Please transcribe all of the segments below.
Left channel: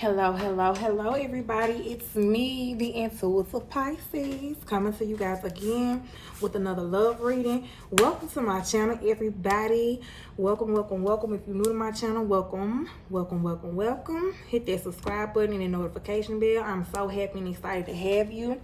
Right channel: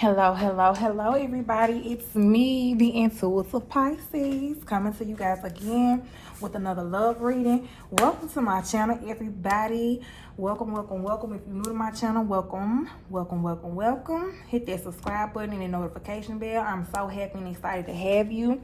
Hello, everybody. It's me, the Intuitive Pisces, coming to you guys again with another love reading. Welcome to my channel, everybody. Welcome. If you're new to my channel, welcome. Hit that subscribe button and the notification bell. I'm so happy and excited to have you.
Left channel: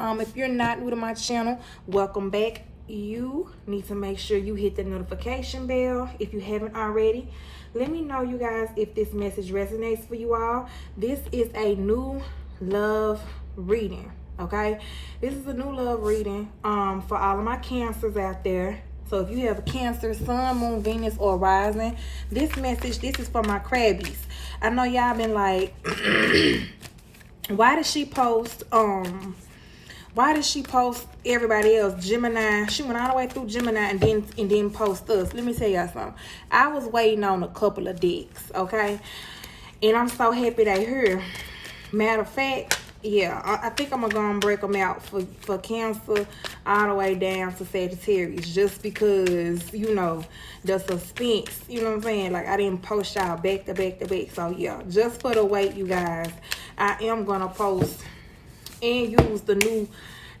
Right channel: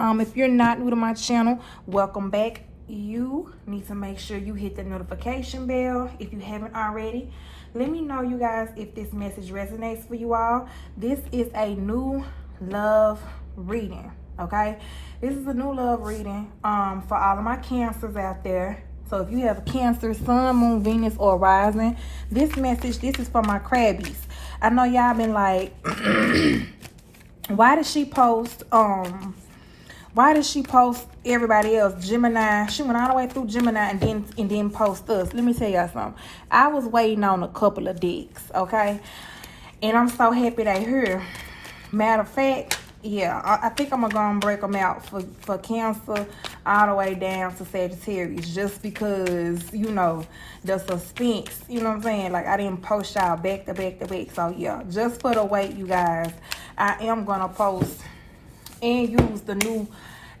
If you're not new to my channel, welcome back. You need to make sure you hit the notification bell if you haven't already. Let me know, you guys, if this message resonates for you all. This is a new love reading, okay? This is a new love reading for all of my Cancers out there. So if you have a Cancer, Sun, Moon, Venus, or Rising, this message, this is for my Crabbies. I know y'all been like, why did she post everybody else? Gemini. She went all the way through Gemini and then post us. Let me tell y'all something. I was waiting on a couple of decks, okay? And I'm so happy they here. Matter of fact, yeah, I think I'm gonna go and break them out for Cancer all the way down to Sagittarius, just because, you know, the suspense, you know what I'm saying? Like, I didn't post y'all back to back. So yeah, just for the wait, you guys, I am gonna post and use the new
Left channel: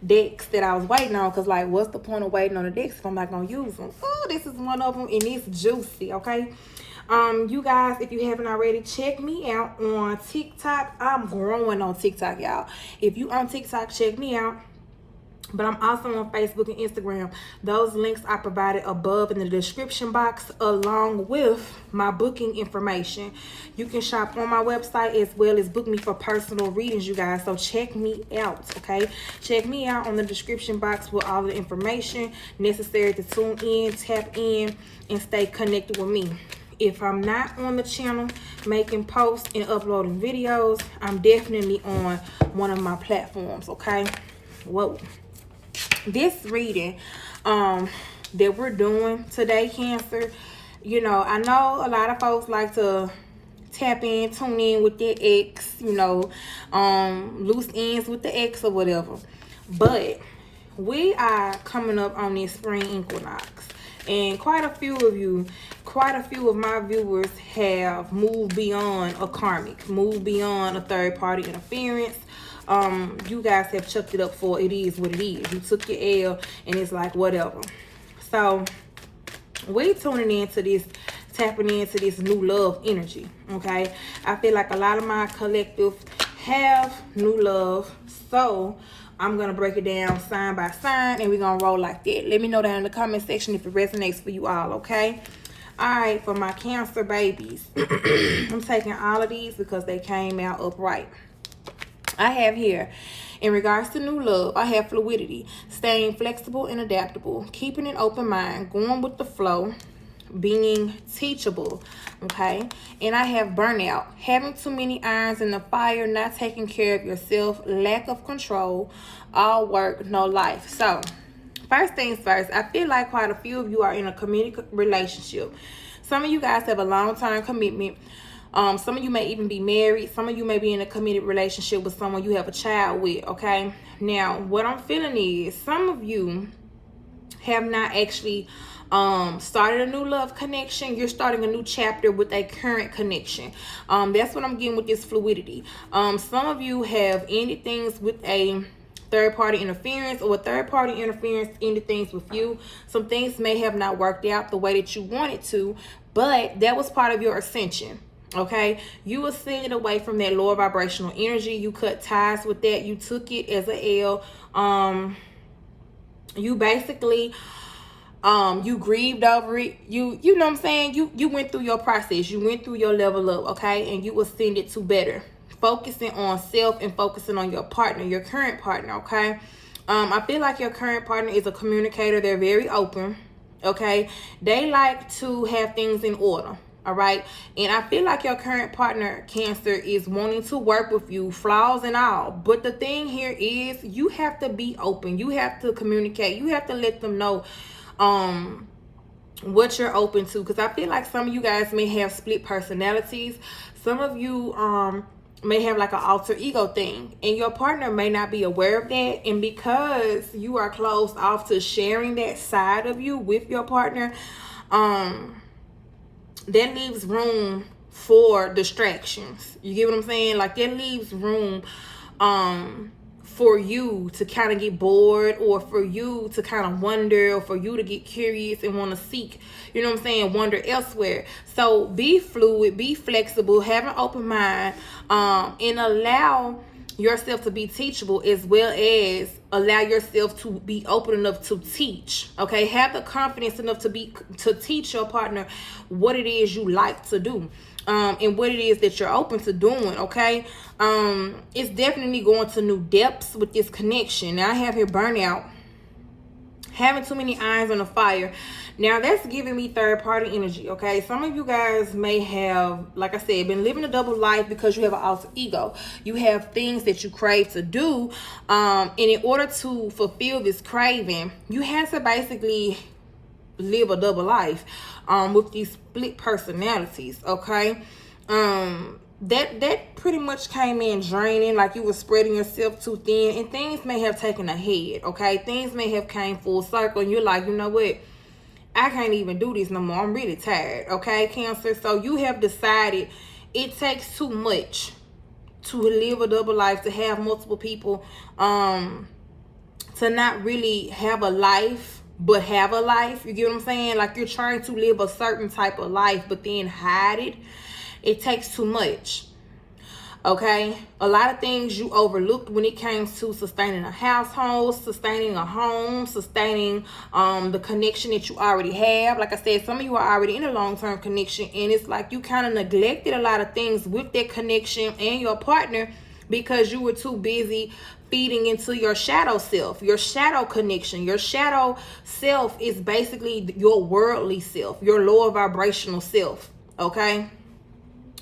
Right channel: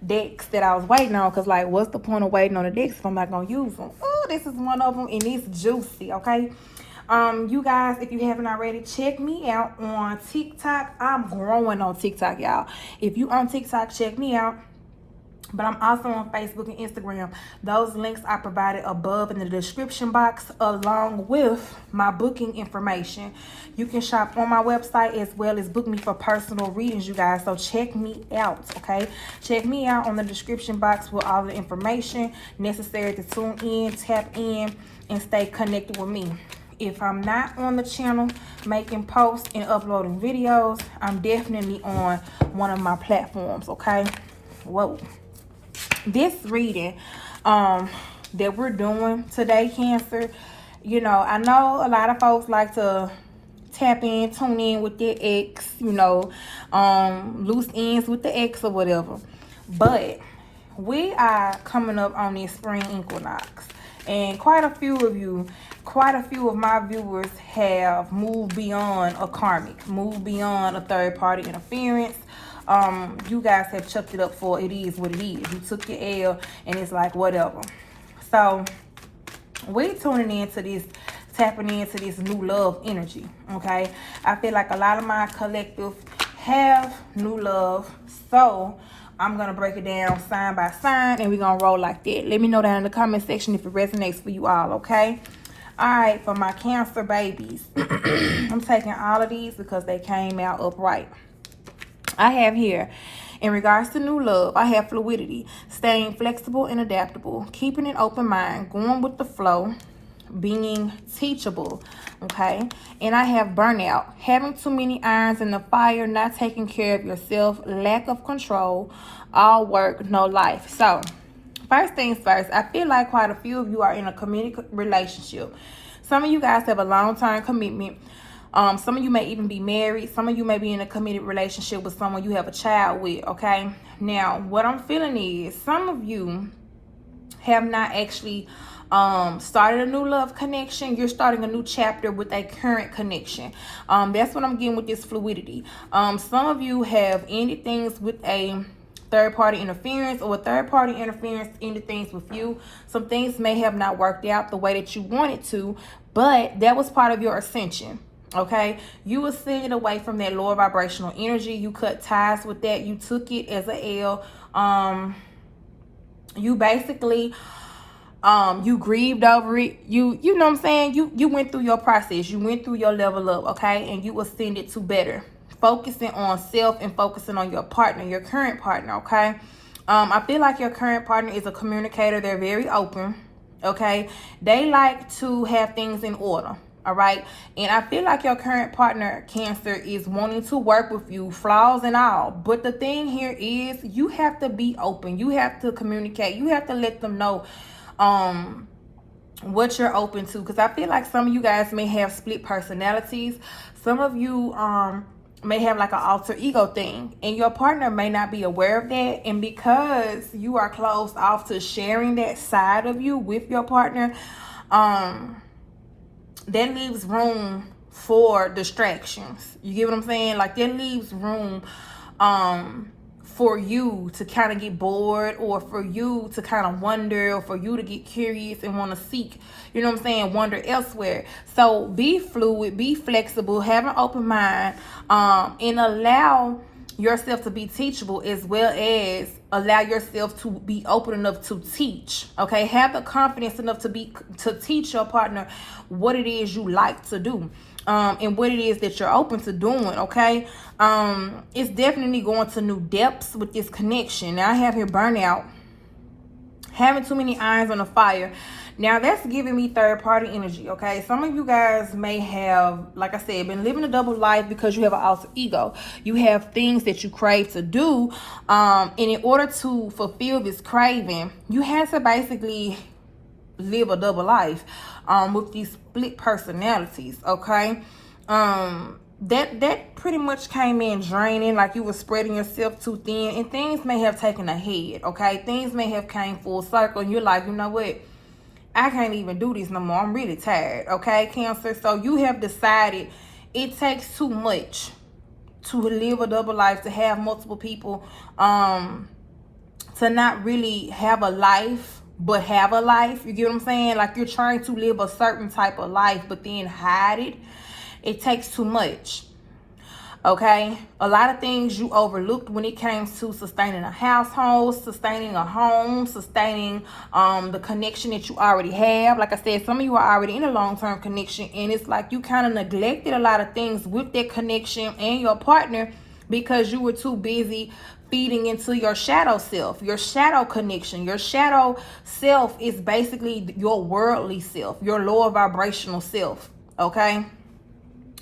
decks that I was waiting on, because like, what's the point of waiting on the decks if I'm not gonna use them? Oh, this is one of them, and it's juicy, okay? You guys, if you haven't already, check me out on TikTok. I'm growing on TikTok, y'all. If you on TikTok, check me out. But I'm also on Facebook and Instagram. Those links I provided above in the description box, along with my booking information. You can shop on my website as well as book me for personal readings, you guys. So check me out, okay? Check me out on the description box with all the information necessary to tune in, tap in, and stay connected with me. If I'm not on the channel making posts and uploading videos, I'm definitely on one of my platforms, okay? Whoa. This reading that we're doing today, Cancer, you know, I know a lot of folks like to tap in, tune in with their ex, you know, loose ends with the ex or whatever. But we are coming up on this spring equinox, and quite a few of my viewers have moved beyond a karmic, moved beyond a third party interference. You guys have chucked it up for it is what it is. You took your L and it's like whatever. So we tuning into this, tapping into this new love energy, okay? I feel like a lot of my collective have new love, so I'm gonna break it down sign by sign and we're gonna roll like that. Let me know down in the comment section if it resonates for you all, okay? All right, for my Cancer babies, I'm taking all of these because they came out upright. I have here, in regards to new love, I have fluidity, staying flexible and adaptable, keeping an open mind, going with the flow, being teachable, okay? And I have burnout, having too many irons in the fire, not taking care of yourself, lack of control, all work, no life. So, first things first, I feel like quite a few of you are in a committed relationship. Some of you guys have a long-term commitment. Some of you may even be married. Some of you may be in a committed relationship with someone you have a child with, okay? Now, what I'm feeling is some of you have not actually started a new love connection. You're starting a new chapter with a current connection. That's what I'm getting with this fluidity. Some of you have ended things with a third-party interference, or third-party interference ended things with you. Some things may have not worked out the way that you wanted to, but that was part of your ascension. Okay, you ascended away from that lower vibrational energy. You cut ties with that. You took it as a L. You basically you grieved over it. You know what I'm saying? You went through your process. You went through your level up, okay? And you ascended to better. Focusing on self and focusing on your partner, your current partner, okay? I feel like your current partner is a communicator. They're very open, okay? They like to have things in order. All right, and I feel like your current partner, Cancer, is wanting to work with you, flaws and all. But the thing here is, you have to be open. You have to communicate. You have to let them know what you're open to, because I feel like some of you guys may have split personalities. Some of you may have like an alter ego thing, and your partner may not be aware of that. And because you are closed off to sharing that side of you with your partner, that leaves room for distractions. You get what I'm saying? Like, that leaves room for you to kind of get bored, or for you to kind of wonder, or for you to get curious and want to seek, you know what I'm saying, wonder elsewhere. So be fluid, be flexible, have an open mind, and allow yourself to be teachable, as well as allow yourself to be open enough to teach. Okay, have the confidence enough to teach your partner what it is you like to do, and what it is that you're open to doing. Okay, it's definitely going to new depths with this connection. Now I have here burnout, having too many irons on the fire. Now that's giving me third party energy. Okay, some of you guys may have, like I said, been living a double life because you have an alter ego. You have things that you crave to do, and in order to fulfill this craving, you have to basically live a double life with these split personalities. Okay, that pretty much came in draining, like you were spreading yourself too thin, and things may have taken a head. Okay, things may have came full circle, and you're like, you know what, I can't even do this no more, I'm really tired. Okay, Cancer, so you have decided it takes too much to live a double life, to have multiple people, to not really have a life but have a life. You get what I'm saying? Like, you're trying to live a certain type of life but then hide it. It takes too much. Okay, a lot of things you overlooked when it came to sustaining a household, sustaining a home, sustaining the connection that you already have. Like I said, some of you are already in a long-term connection, and it's like you kind of neglected a lot of things with that connection and your partner because you were too busy feeding into your shadow self, your shadow connection. Your shadow self is basically your worldly self, your lower vibrational self. Okay,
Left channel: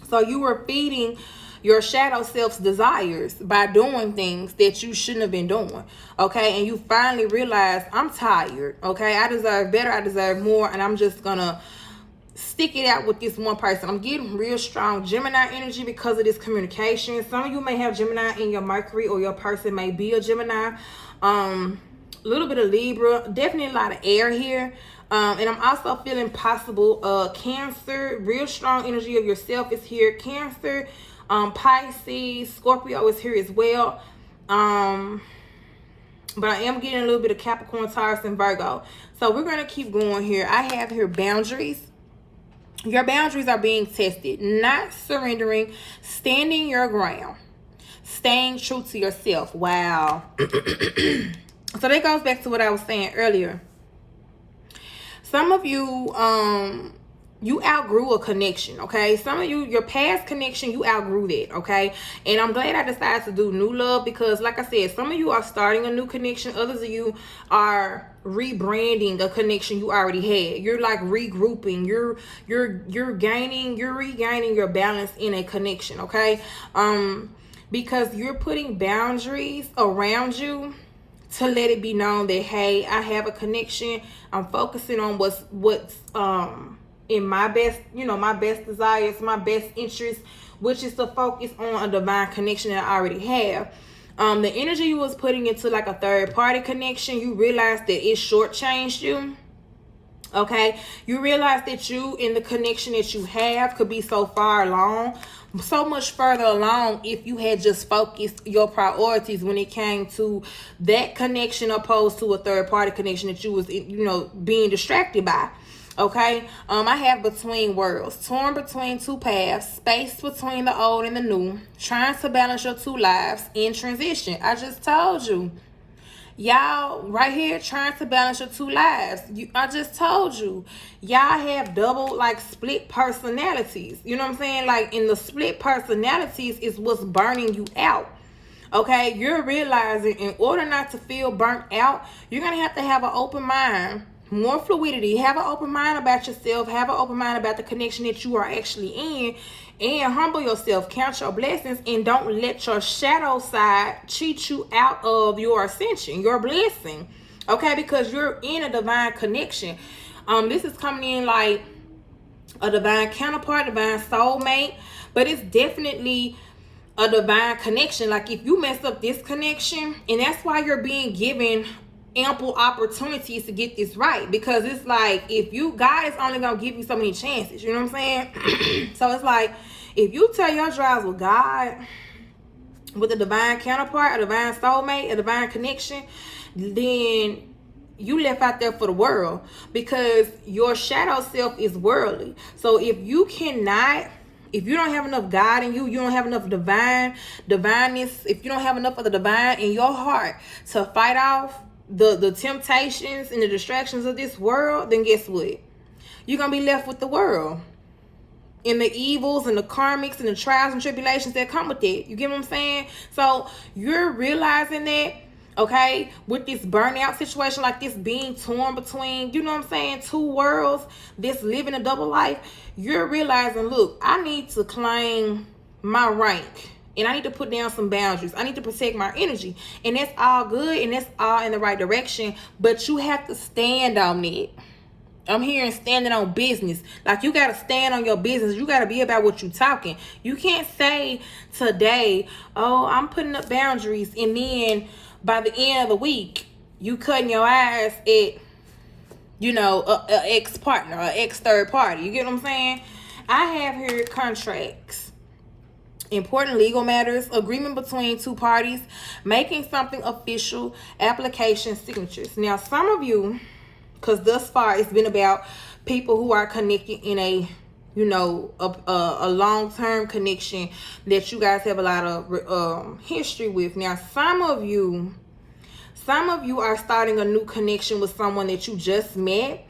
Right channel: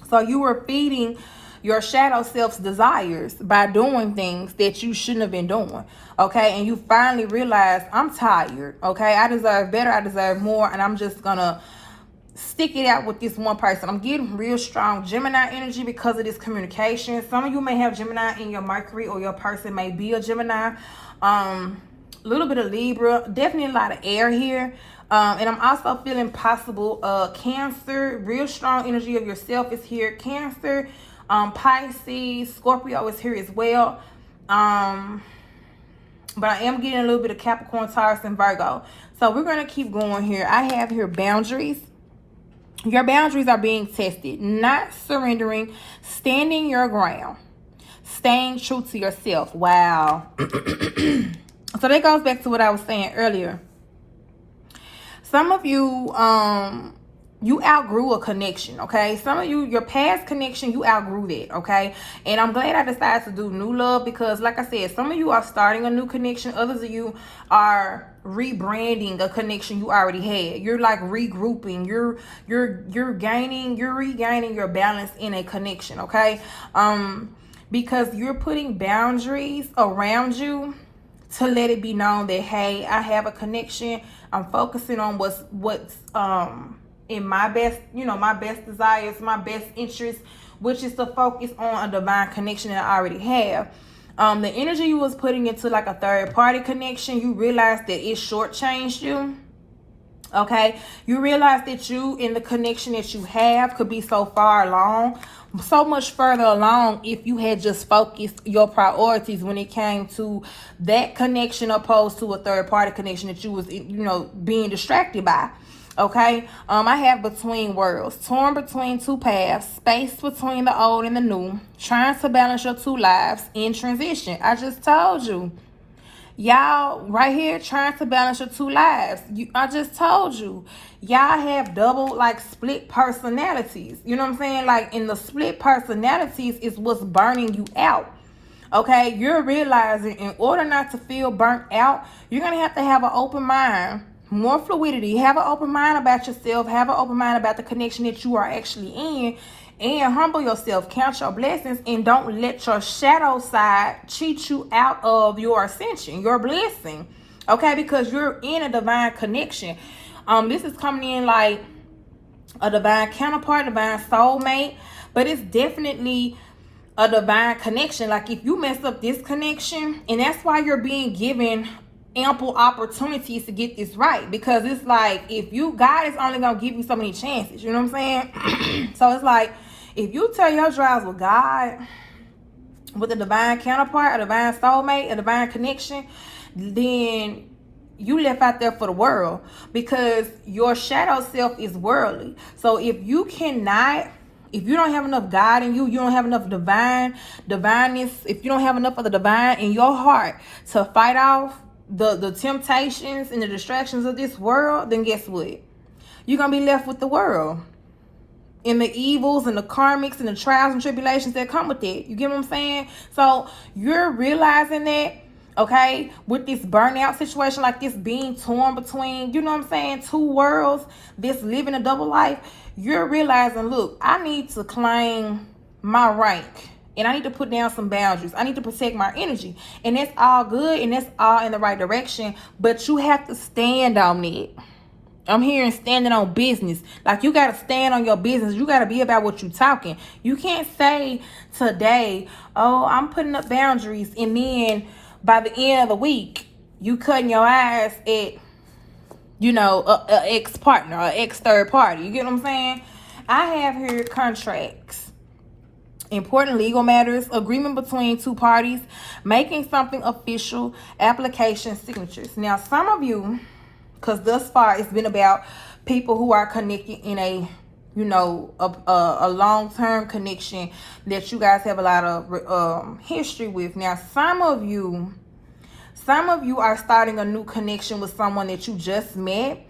so you were feeding your shadow self's desires by doing things that you shouldn't have been doing. Okay, and you finally realize, I'm tired. Okay, I deserve better, I deserve more, and I'm just gonna stick it out with this one person. I'm getting real strong Gemini energy because of this communication. Some of you may have Gemini in your Mercury, or your person may be a Gemini. A little bit of Libra, definitely a lot of air here. And I'm also feeling possible Cancer, real strong energy of yourself is here. Cancer, Pisces, Scorpio is here as well. But I am getting a little bit of Capricorn, Taurus, and Virgo. So we're going to keep going here. I have here boundaries. Your boundaries are being tested. Not surrendering. Standing your ground. Staying true to yourself. Wow. So that goes back to what I was saying earlier. Some of you, you outgrew a connection, okay? Some of you, your past connection, you outgrew that, okay? And I'm glad I decided to do new love because, like I said, some of you are starting a new connection. Others of you are rebranding a connection you already had. You're like regrouping. You're regaining your balance in a connection, okay? Because you're putting boundaries around you to let it be known that, hey, I have a connection. I'm focusing on what's in my best, my best desires, my best interests, which is to focus on a divine connection that I already have. The energy you was putting into like a third party connection, you realized that it shortchanged you. Okay, you realize that you in the connection that you have could be so far along, so much further along if you had just focused your priorities when it came to that connection opposed to a third party connection that you was being distracted by. Okay, I have between worlds, torn between two paths, space between the old and the new, trying to balance your two lives in transition. I just told you. Y'all right here trying to balance your two lives. I just told you. Y'all have double, like, split personalities. You know what I'm saying? Like, in the split personalities is what's burning you out. Okay? You're realizing in order not to feel burnt out, you're going to have an open mind. More fluidity. Have an open mind about yourself. Have an open mind about the connection that you are actually in. And humble yourself, count your blessings, and don't let your shadow side cheat you out of your ascension, your blessing. Okay, because you're in a divine connection. This is coming in like a divine counterpart, divine soulmate, but it's definitely a divine connection. Like, if you mess up this connection, and that's why you're being given ample opportunities to get this right, because it's like, if you, God is only gonna give you so many chances, you know what I'm saying? So it's like, if you tell your trials with God, with a divine counterpart, a divine soulmate, a divine connection, then you left out there for the world, because your shadow self is worldly. So if you don't have enough God in you, you don't have enough divineness, if you don't have enough of the divine in your heart to fight off the temptations and the distractions of this world, then guess what? You're going to be left with the world and the evils and the karmics and the trials and tribulations that come with it. You get what I'm saying? So you're realizing that, okay, with this burnout situation, like this being torn between, you know what I'm saying, two worlds, this living a double life, you're realizing, look, I need to claim my rank, and I need to put down some boundaries. I need to protect my energy, and that's all good, and that's all in the right direction, but you have to stand on it. I'm hearing standing on business. Like, you got to stand on your business. You got to be about what you're talking. You can't say today, oh, I'm putting up boundaries, and then by the end of the week, you cutting your eyes at, you know, a ex-partner or ex-third party. You get what I'm saying? I have here contracts, important legal matters, agreement between two parties, making something official, application, signatures. Now, some of you, because thus far it's been about people who are connected in a, you know, a long-term connection that you guys have a lot of history with. Now, some of you are starting a new connection with someone that you just met,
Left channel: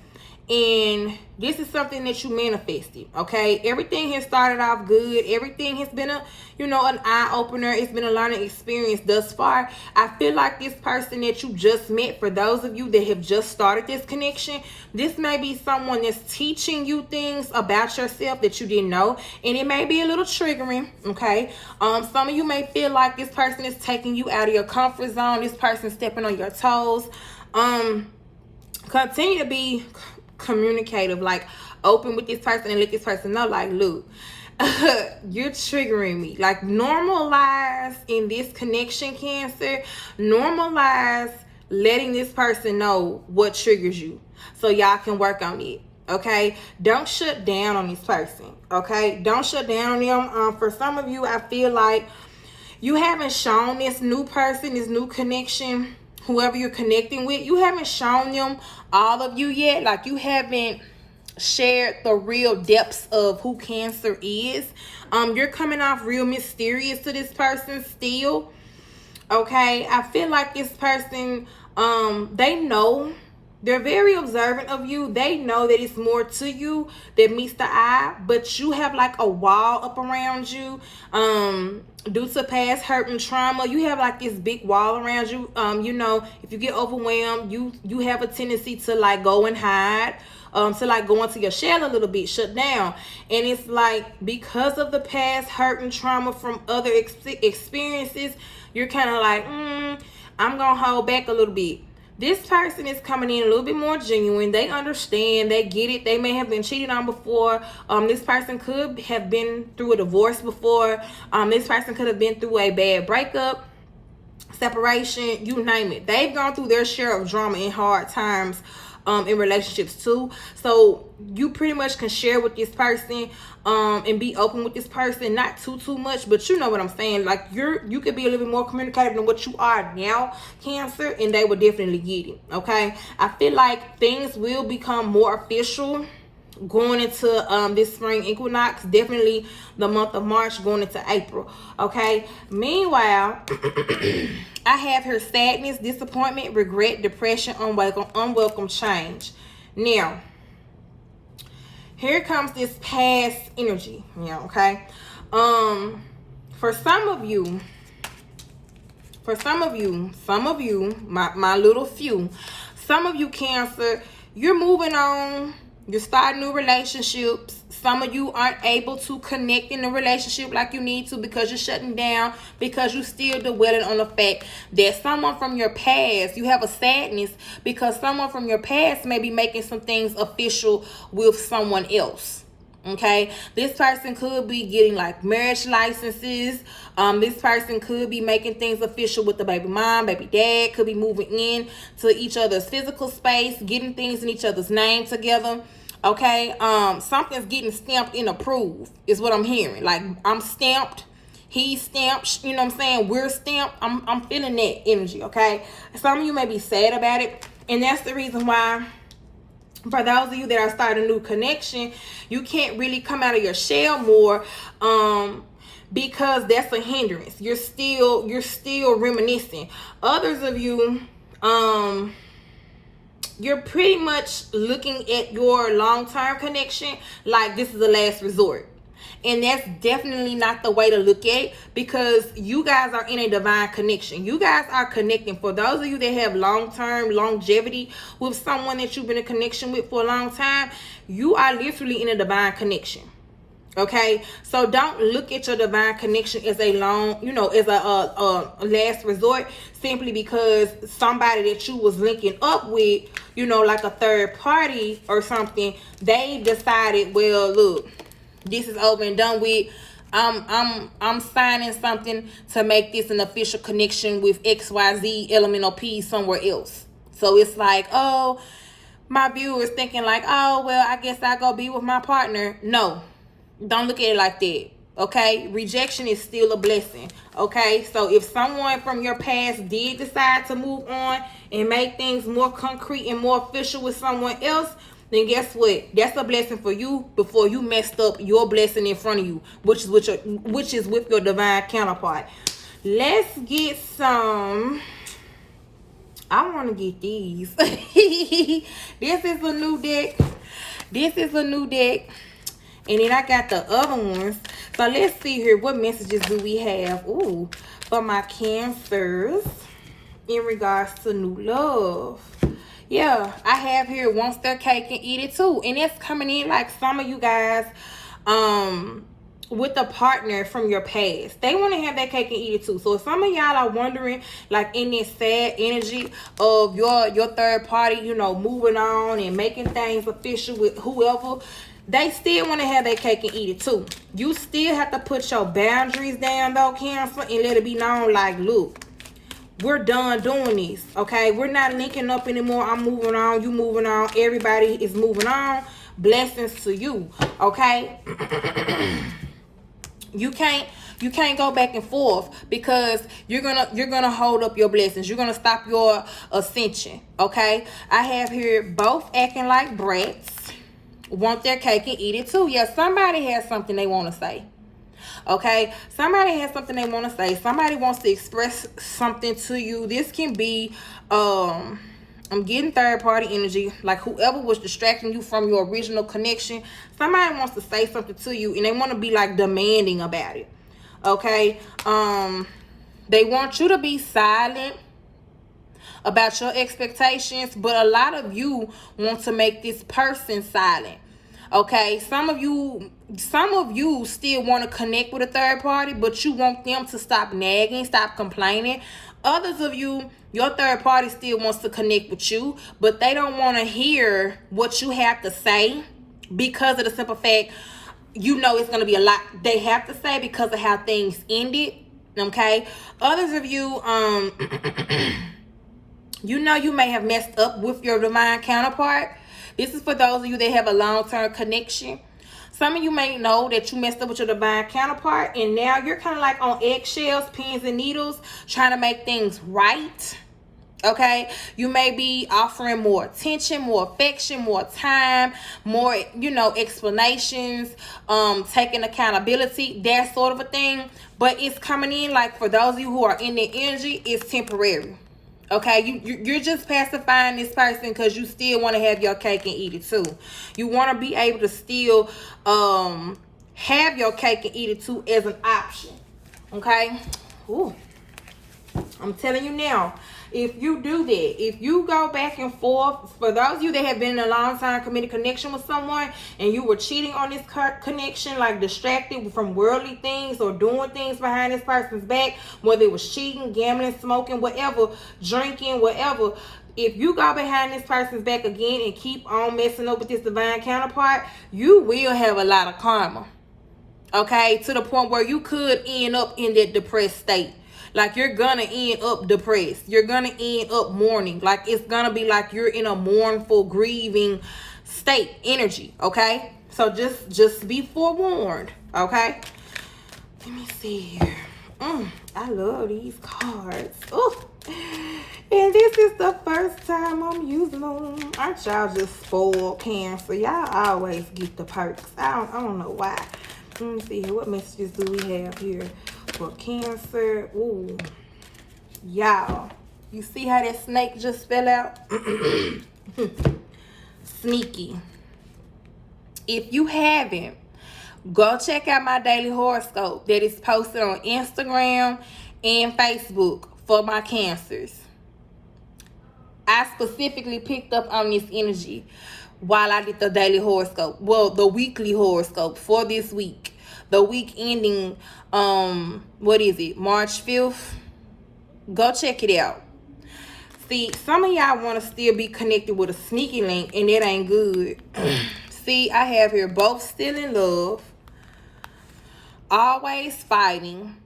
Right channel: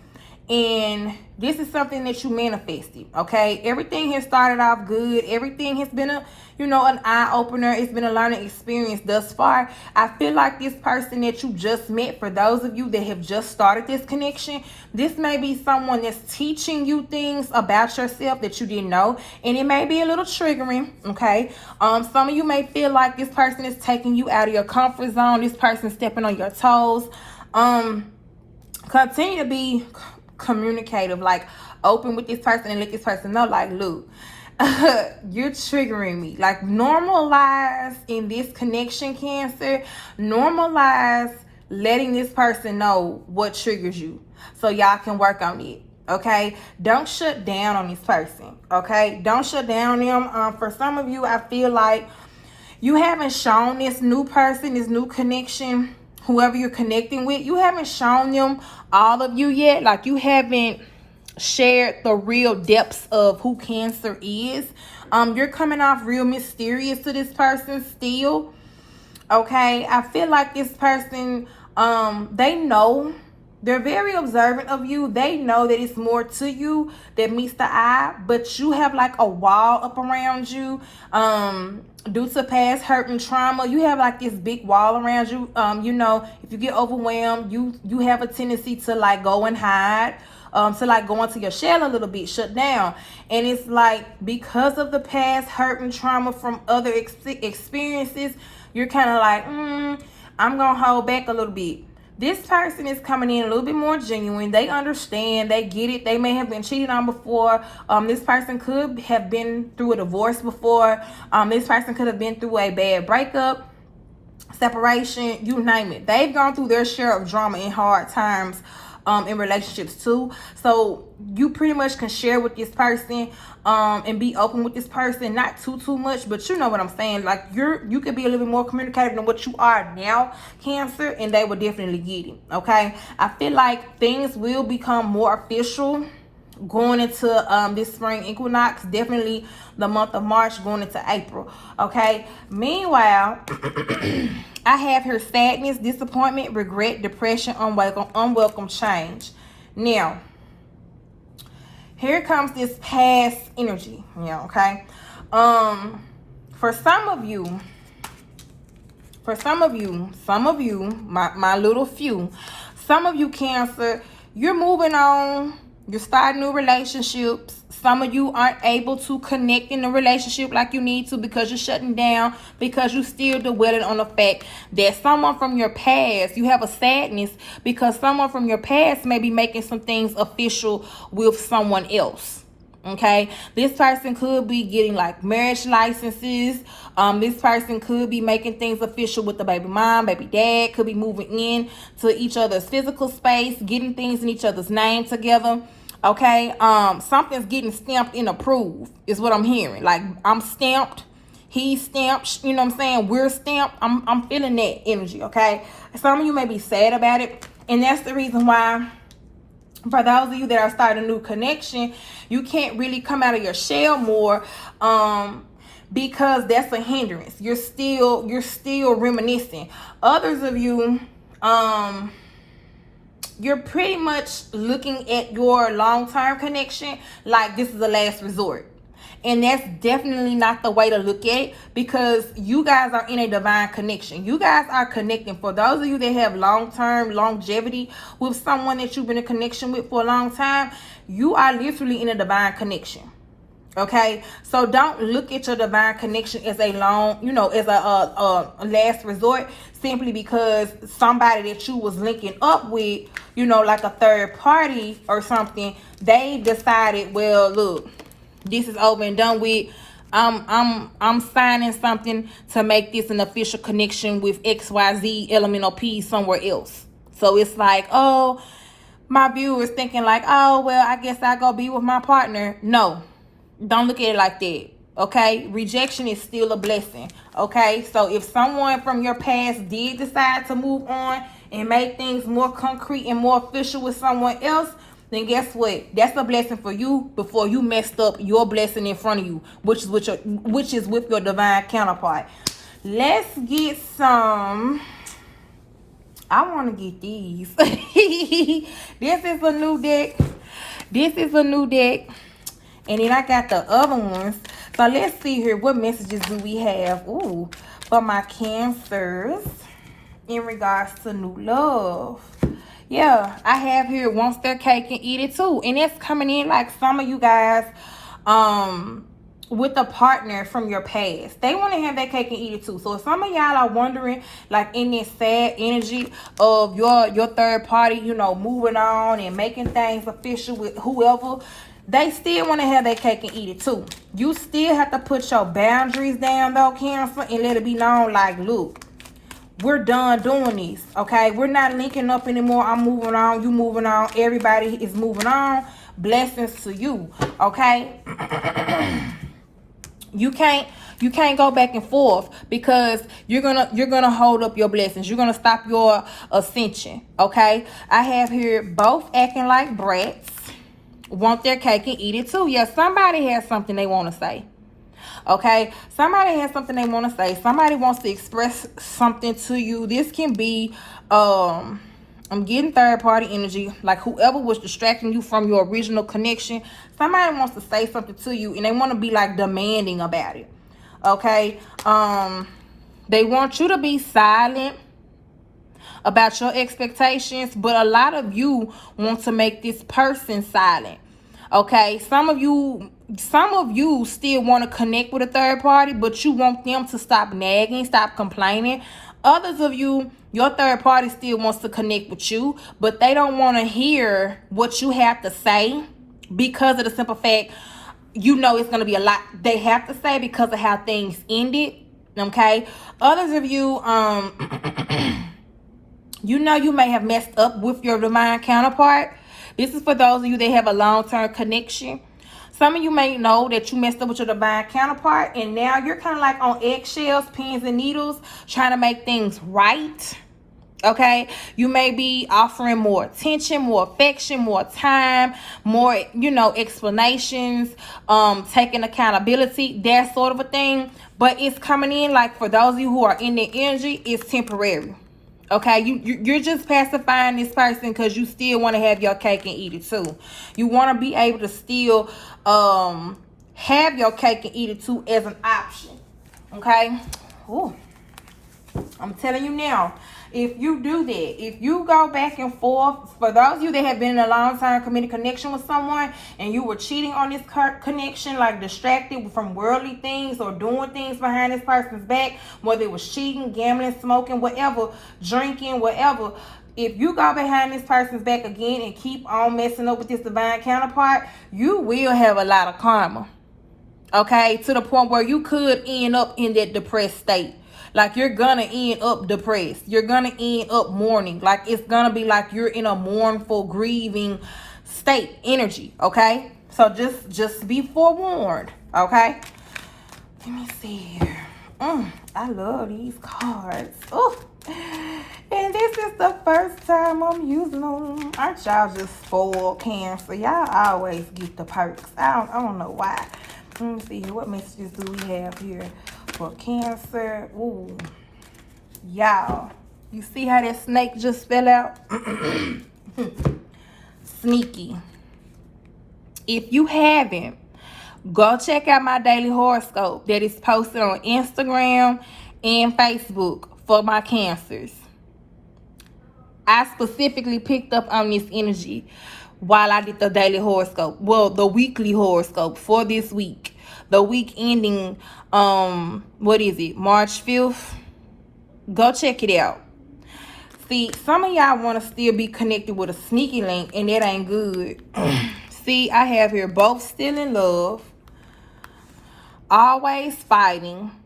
and this is something that you manifested, okay? Everything has started off good. Everything has been a, you know, an eye-opener. It's been a learning experience thus far. I feel like this person that you just met, for those of you that have just started this connection, this may be someone that's teaching you things about yourself that you didn't know, and it may be a little triggering, okay? Some of you may feel like this person is taking you out of your comfort zone. This person is stepping on your toes. Continue to be communicative, like open with this person and let this person know, like, look, you're triggering me. Like, normalize in this connection, Cancer, normalize letting this person know what triggers you so y'all can work on it, okay? Don't shut down on this person, okay? Don't shut down on them. For some of you, I feel like you haven't shown this new person, this new connection, whoever you're connecting with, you haven't shown them all of you yet. Like, you haven't shared the real depths of who Cancer is. You're coming off real mysterious to this person still, okay? I feel like this person, they know, they're very observant of you. They know that it's more to you that meets the eye, but you have like a wall up around you. Due to past hurt and trauma, you have like this big wall around you. You know, if you get overwhelmed, you have a tendency to like go and hide, to like go into your shell a little bit, shut down. And it's like, because of the past hurt and trauma from other experiences, you're kind of like, I'm gonna hold back a little bit. This person is coming in a little bit more genuine. They understand, they get it. They may have been cheated on before. This person could have been through a divorce before. This person could have been through a bad breakup, separation, you name it. They've gone through their share of drama and hard times in relationships too. So you pretty much can share with this person and be open with this person, not too much, but you know what I'm saying. Like, you could be a little bit more communicative than what you are now, Cancer, and they will definitely get it, okay? I feel like things will become more official going into this spring equinox, definitely the month of March going into April, okay? Meanwhile, I have here sadness, disappointment, regret, depression, unwelcome change. Now, here comes this past energy, yeah, okay? For some of you, my little few, some of you, Cancer, you're moving on. You're starting new relationships. Some of you aren't able to connect in a relationship like you need to because you're shutting down, because you're still dwelling on the fact that someone from your past, you have a sadness because someone from your past may be making some things official with someone else. Okay, this person could be getting like marriage licenses. This person could be making things official with the baby mom, baby dad, could be moving in to each other's physical space, getting things in each other's name together. Okay, something's getting stamped and approved is what I'm hearing. Like, I'm stamped, he's stamped, you know what I'm saying, we're stamped. I'm feeling that energy. Okay, some of you may be sad about it, and that's the reason why, for those of you that are starting a new connection, you can't really come out of your shell more, because that's a hindrance. You're still reminiscing. Others of you, you're pretty much looking at your long-term connection like this is the last resort. And that's definitely not the way to look at it, because you guys are in a divine connection. You guys are connecting. For those of you that have long-term longevity with someone that you've been in connection with for a long time, you are literally in a divine connection. Okay, so don't look at your divine connection as a long, as a last resort, simply because somebody that you was linking up with, like a third party or something, they decided, well, look, this is over and done with. I'm signing something to make this an official connection with XYZ elemental P somewhere else. So it's like, oh, my viewers thinking like, oh, well, I guess I'll go be with my partner. No, don't look at it like that. Okay, rejection is still a blessing. Okay, so if someone from your past did decide to move on and make things more concrete and more official with someone else, then guess what? That's a blessing for you before you messed up your blessing in front of you, which is with your divine counterpart. Let's get some. I want to get these. This is a new deck. And then I got the other ones. So let's see here. What messages do we have? Ooh, for my Cancers in regards to new love. Yeah, I have here, wants their cake and eat it too. And it's coming in like some of you guys with a partner from your past. They want to have that cake and eat it too. So if some of y'all are wondering, like in this sad energy of your third party, moving on and making things official with whoever, they still want to have that cake and eat it too. You still have to put your boundaries down though, Cancer, and let it be known like, look, we're done doing this, okay? We're not linking up anymore. I'm moving on, you moving on, everybody is moving on. Blessings to you, okay? You can't go back and forth, because you're gonna hold up your blessings. You're gonna stop your ascension, okay? I have here both acting like brats, want their cake and eat it too. Yeah, somebody has something they want to say. Okay, somebody has something they want to say. Somebody wants to express something to you. This can be I'm getting third party energy, like whoever was distracting you from your original connection. Somebody wants to say something to you and they want to be like demanding about it. Okay, they want you to be silent about your expectations, but a lot of you want to make this person silent. Okay, some of you still want to connect with a third party, but you want them to stop nagging, stop complaining. Others of you, your third party still wants to connect with you, but they don't want to hear what you have to say, because of the simple fact, it's going to be a lot they have to say because of how things ended. Okay, others of you, you may have messed up with your divine counterpart. This is for those of you that have a long-term connection. Some of you may know that you messed up with your divine counterpart, and now you're kind of like on eggshells, pins and needles, trying to make things right. Okay, you may be offering more attention, more affection, more time, more, explanations, taking accountability, that sort of a thing. But it's coming in like, for those of you who are in the energy, it's temporary. Okay, you're just pacifying this person because you still want to have your cake and eat it too. You want to be able to still have your cake and eat it too as an option. Okay. Ooh. I'm telling you now, if you do that, if you go back and forth, for those of you that have been in a long-time committed connection with someone and you were cheating on this connection, like distracted from worldly things or doing things behind this person's back, whether it was cheating, gambling, smoking, whatever, drinking, whatever, if you go behind this person's back again and keep on messing up with this divine counterpart, you will have a lot of karma. Okay? To the point where you could end up in that depressed state. Like, you're gonna end up depressed. You're gonna end up mourning. Like, it's gonna be like you're in a mournful, grieving state, energy. Okay? So just be forewarned. Okay? Let me see here. I love these cards. Oh, and this is the first time I'm using them. Aren't y'all just spoiled, Cancer? Y'all always get the perks. I don't know why. Let me see here. What messages do we have here for Cancer? Ooh, y'all. You see how that snake just fell out? Sneaky. If you haven't, go check out my daily horoscope that is posted on Instagram and Facebook for my Cancers. I specifically picked up on this energy while I did the daily horoscope. Well, the weekly horoscope for this week. The week ending, what is it, March 5th? Go check it out. See, some of y'all want to still be connected with a sneaky link, and that ain't good. See, I have here both still in love, always fighting,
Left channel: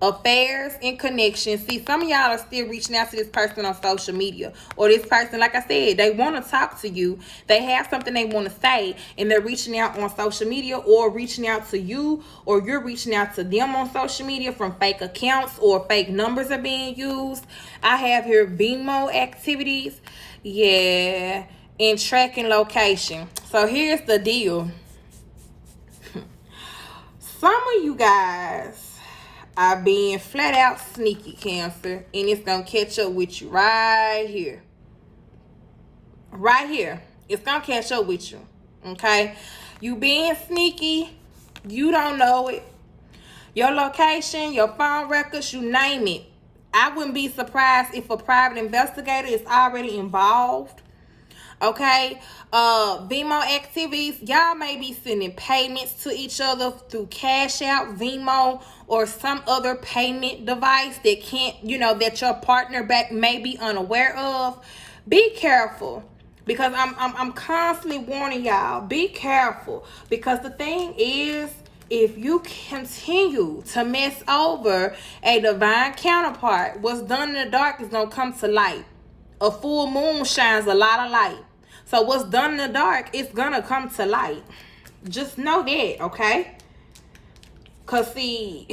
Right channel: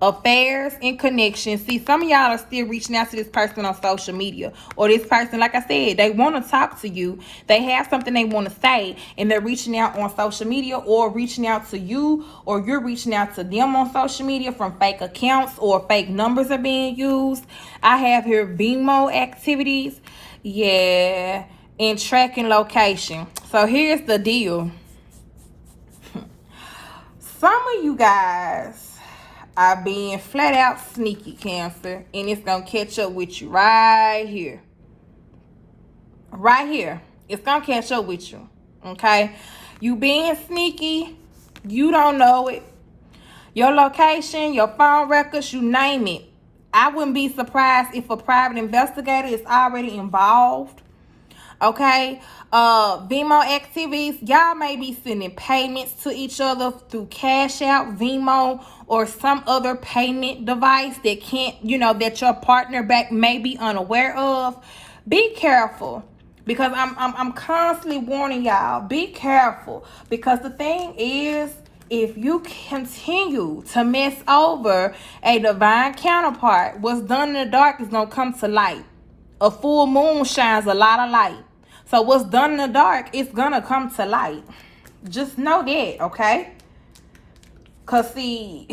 affairs and connections. See, some of y'all are still reaching out to this person on social media, or this person, like I said, they want to talk to you. They have something they want to say, and they're reaching out on social media, or reaching out to you, or you're reaching out to them on social media from fake accounts, or fake numbers are being used. I have here Venmo activities, yeah, and tracking location. So here's the deal. Some of you guys are being flat out sneaky, Cancer, and it's gonna catch up with you right here. Right here. It's gonna catch up with you. Okay? You being sneaky, you don't know it. Your location, your phone records, you name it. I wouldn't be surprised if a private investigator is already involved. Okay, Venmo activities, y'all may be sending payments to each other through Cashapp, Venmo, or some other payment device that can't, that your partner back may be unaware of. Be careful, because I'm constantly warning y'all. Be careful, because the thing is, if you continue to mess over a divine counterpart, what's done in the dark is gonna come to light. A full moon shines a lot of light. So what's done in the dark, it's gonna come to light. Just know that, okay? Cause see,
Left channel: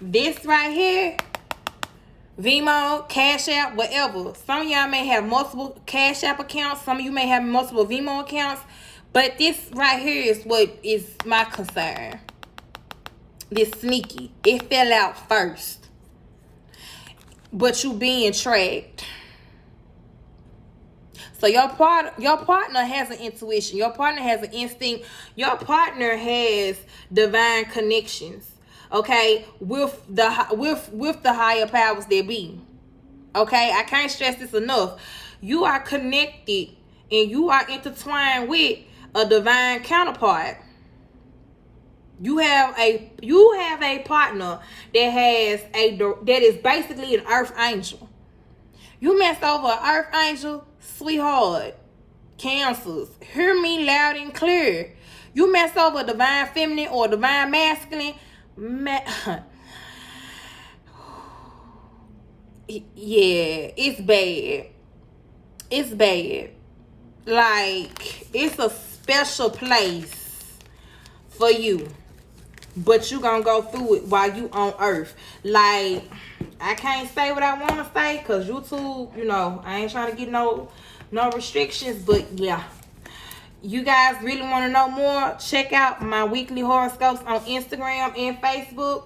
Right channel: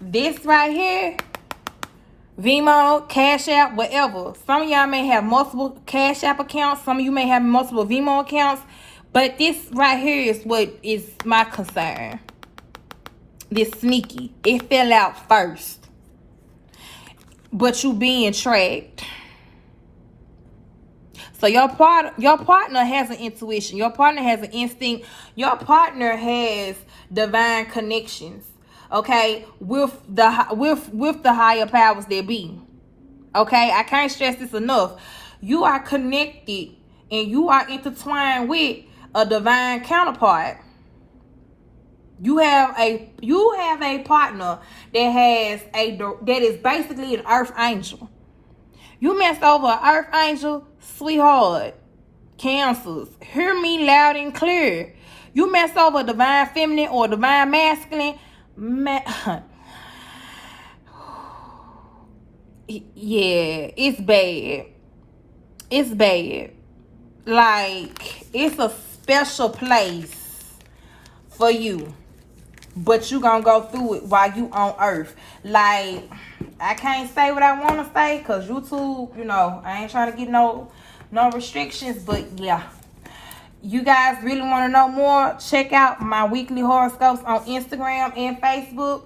this right here, Venmo, Cash App, whatever. Some of y'all may have multiple Cash App accounts. Some of you may have multiple Venmo accounts. But this right here is what is my concern. This sneaky. It fell out first. But you being tracked. So your partner has an intuition. Your partner has an instinct. Your partner has divine connections. Okay, with the higher powers that be. Okay, I can't stress this enough. You are connected and you are intertwined with a divine counterpart. You have a partner that is basically an earth angel. You mess over an earth angel, sweetheart, Cancers, hear me loud and clear. You mess over a divine feminine or divine masculine, yeah, it's bad. It's bad. Like, it's a special place for you, but you gonna go through it while you on earth. Like, I can't say what I want to say because YouTube, I ain't trying to get no restrictions, but yeah. You guys really want to know more? Check out my weekly horoscopes on Instagram and Facebook.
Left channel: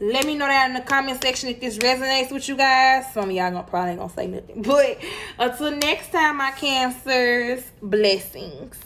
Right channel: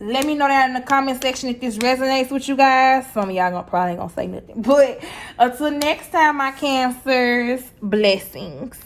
Let me know down in the comment section if this resonates with you guys. Some of y'all probably ain't gonna say nothing. But until next time, my Cancers, blessings.